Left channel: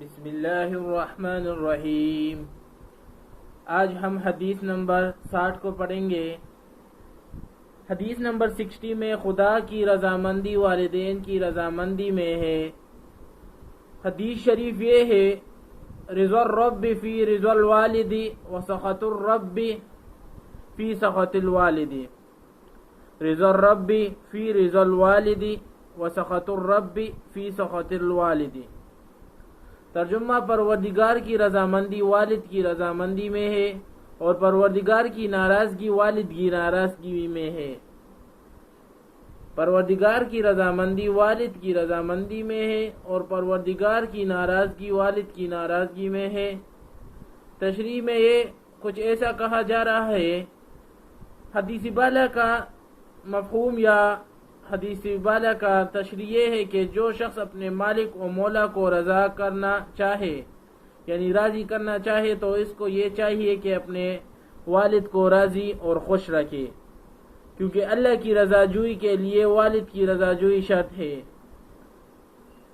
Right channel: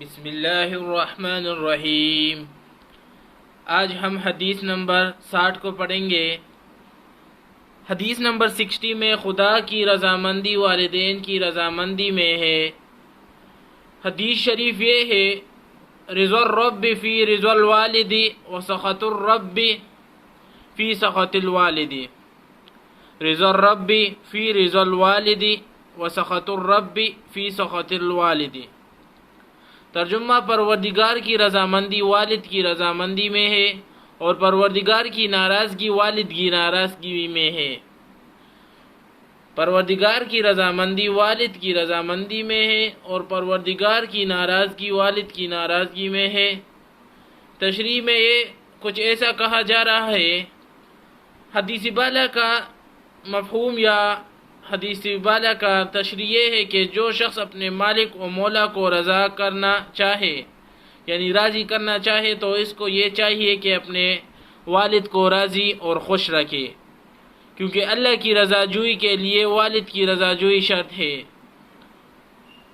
بسم اللہ الرحمن الرحیم۔ آج ہم حدیث نمبر 60 کو پڑھیں گے۔ حدیث نمبر 60 میں خدا کی رضامندی والدین کی رضامندی میں ہے۔ حدیث شریف یہ ہے، رضا الرب فی رضا الوالد و سخط الرب فی سخط الوالد۔ رضا الرب فی رضا الوالد و سخط الرب فی سخط الوالد۔ ترجمہ: پروردگار کی رضامندی والد کی رضامندی میں ہے اور پروردگار کی ناراضگی والد کی ناراضگی میں ہے۔ پروردگار کی رضامندی والد کی رضامندی میں ہے اور پروردگار کی ناراضگی والد کی ناراضگی میں ہے۔ تشریح میں یہ کچھ ایسا کہا جا رہا ہے، حدیث بالا کا مفہوم یا حدیث بالا کا تشریح یہ ہے کہ جو شخص اپنے مالک و مولا کو رضا کرنا چاہے، یعنی راضی کرنا چاہے، تو اس کو یہ چاہیے کہ اپنے والد کو راضی اور خوش رکھے، کیونکہ اللہ کی رضا جوئی کے لیے والد کی رضا جوئی شرط ہے۔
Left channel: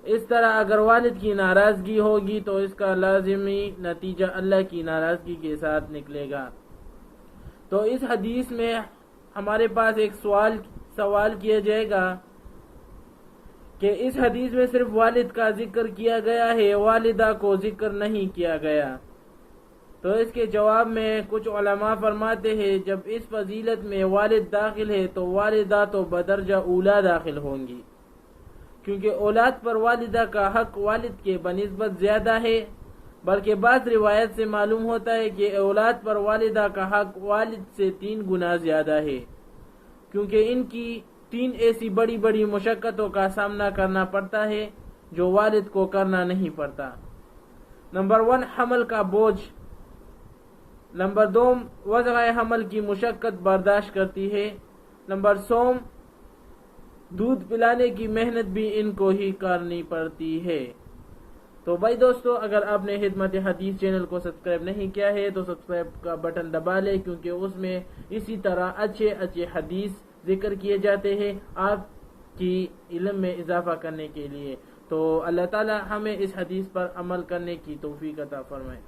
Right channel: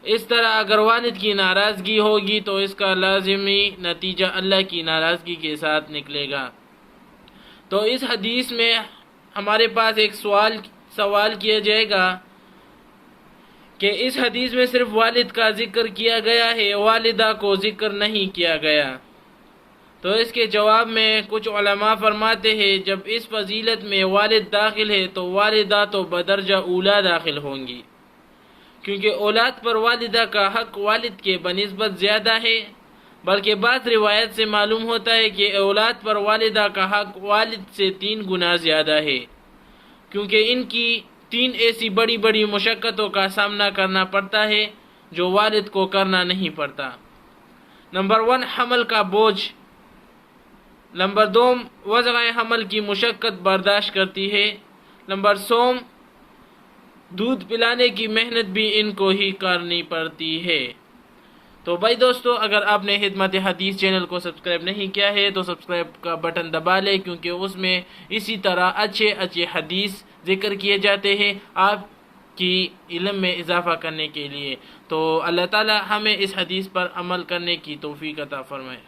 اس طرح اگر والد کی ناراضگی ہوگی تو اس کا لازمی نتیجہ اللہ کی ناراضگی کے ساتھ نکلے گا۔ تو اس حدیث میں ہمارے پاس ایک سوال کیا جائے گا کہ اس حدیث میں صرف والد کا ذکر کیا گیا ہے، والدہ کو ذکر نہیں کیا گیا۔ تو اس کے جواب میں کچھ علماء فرماتے ہیں، جب اس فضیلت میں والد داخل ہے تو والدہ تو بدرجہ اولا داخل ہوں گی، کیونکہ اولاد پر والدہ کا حق والد کے بنسبت زیادہ ہے، بلکہ بعض روایت سے معلوم ہوتا ہے کہ اولاد پر والدہ کا حق والد سے 3 گنا زیادہ ہے، کیونکہ ان کی 3 ایسی بڑی بڑی مشقتوں کا سامنا کرنا پڑتا ہے جو والد کو کرنا نہیں پڑتا۔ نمبر 1، حمل کا بوجھ۔ نمبر 2، وضع حمل کی مشقت برداشت کرتی ہے۔ نمبر 3، دودھ پلانے کی محنت بھی ان کو ہی کرنی پڑتی ہے۔ تو بھائی دوستو، اگر آپ نے خدمت حدیث چینل کو سبسکرائب نہیں کیا ہے تو سبسکرائب کا بٹن دبا لیں، کیونکہ اس میں اسی طرح اچھے حدیث ذکر کیے جاتے ہیں آپ کی علم میں اضافہ کرنے کے لیے۔ تو اللہ تعالی ہمیں اس حدیث پر عمل کرنے کی توفیق عطا فرمائے۔